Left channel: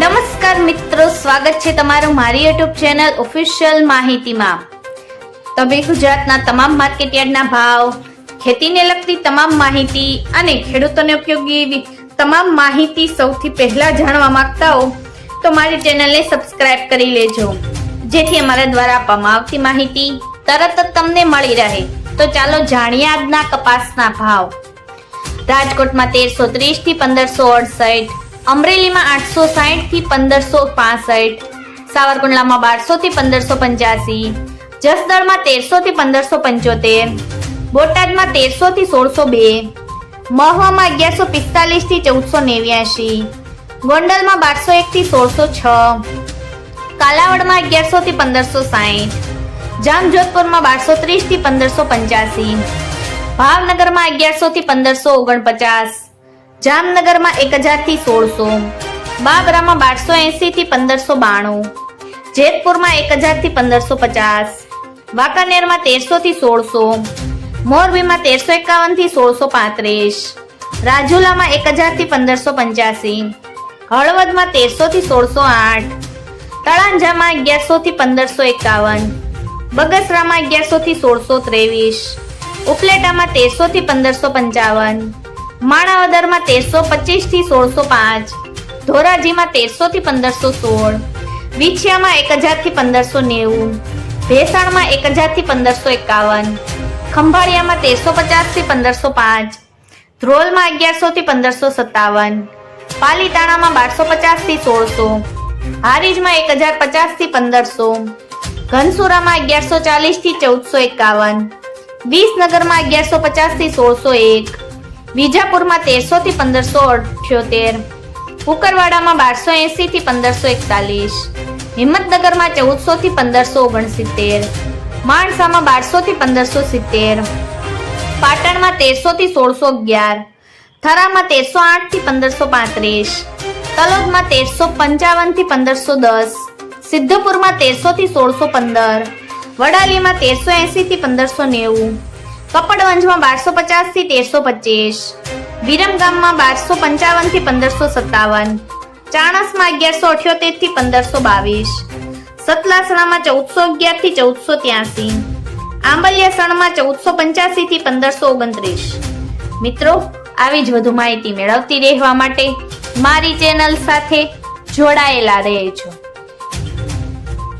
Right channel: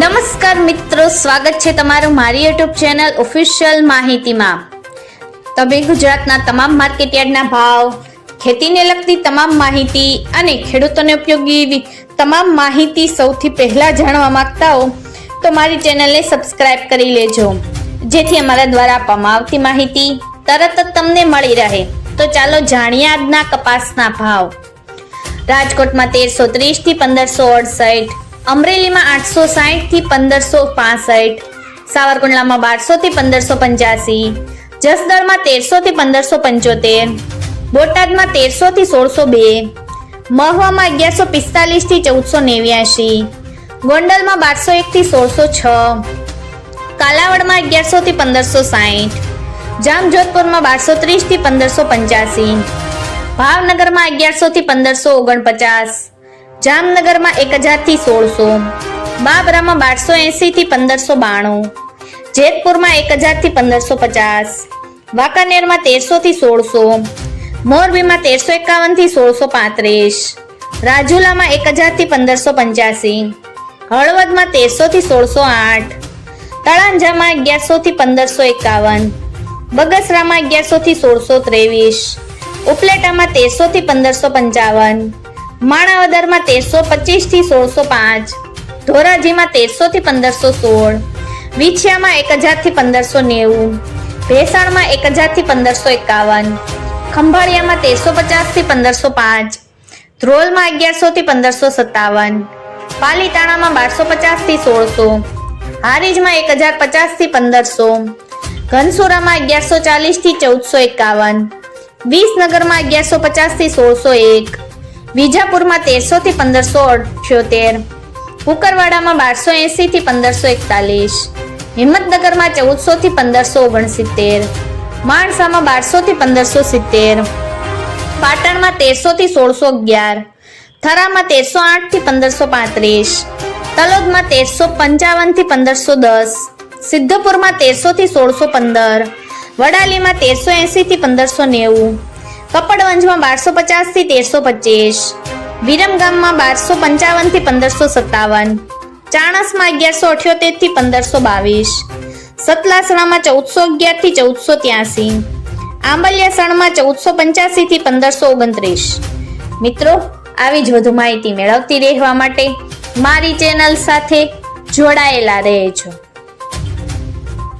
નમસ્કાર મિત્રો, સ્વાગત છે તમારું મારી યુટ્યુબ ચેનલ ઓફિશિયલ માહિતીમાં। તમે ગુજરાતના તમામ માર્કેટયાર્ડના ભાવ, ખેતીને લગતી તમામ માહિતી અને ખેડૂતોને ઉપયોગી તમામ માહિતી સૌથી પહેલા જાણવા માંગતા હો તો મારી ચેનલને સબસ્ક્રાઇબ કરી લેજો, જેથી અમારા દ્વારા આપવામાં આવતી માહિતી તરત જ તમને મળી રહે। તો ચાલો જાણીએ આજના કપાસના ભાવ। રાજકોટમાં 1330 થી 1568, અમરેલીમાં 860 થી 1565, સાવરકુંડલામાં 1200 થી 1585, જસદણમાં 1300 થી 1575, બોટાદમાં 1300 થી 1602, મહુવામાં 1145 થી 1489, ગોંડલમાં 1201 થી 1606, કાલાવડમાં 1100 થી 1560, જામજોધપુરમાં 1230 થી 1585, ભાવનગરમાં 1100 થી 1549, જામનગરમાં 1000 થી 1600, બાબરામાં 1280 થી 1592, જેતપુરમાં 1000 થી 1550, વાંકાનેરમાં 1300 થી 1600, મોરબીમાં 1351 થી 1635, રાજુલામાં 1000 થી 1585, હળવદમાં 1300 થી 1608, તળાંજામાં 1100 થી 1551, બગસરામાં 1100 થી 1623, ઉપલેટામાં 1300 થી 1555, માણાવદરમાં 1325 થી 1605, ધોરાજીમાં 1300 થી 1516, વિછિયામાં 1000 થી 1590, ભેસાણમાં 1000 થી 1551, ખંભાળિયામાં 1350 થી 1505, ધ્રોલમાં 1100 થી 1557, પાલીતાણામાં 1250 થી 1600, હારીજમાં 1050 થી 1500, ઘનસુરામાં 1140 થી 1451, વિસનગરમાં 1150 થી 1601, વિજાપુરમાં 1300 થી 1578, કુકરવાડામાં 1280 થી 1541, હિંમતનગરમાં 1400 થી 1569, માણસામાં 1200 થી 1570, પાટણમાં 1300 થી 1611, થરામાં 1308 થી 1535, તલોદમાં 1355 થી 1510, સિદ્ધપુરમાં 1300 થી 1615, વડાલીમાં 1380 થી 1590, કપડવંજમાં 1250 થી 1325, વિરમગામમાં 1255 થી 1557, ચાણસમાં 1178 થી 1522, સતલાસણામાં 1411 થી 1483, આંબલિયાસણમાં 1485 થી 1529। મિત્રો, આવી જ વધુ માહિતી મેળવતી રહેવા માટે મારી ચેનલ સાથે જોડાયેલા રહેજો।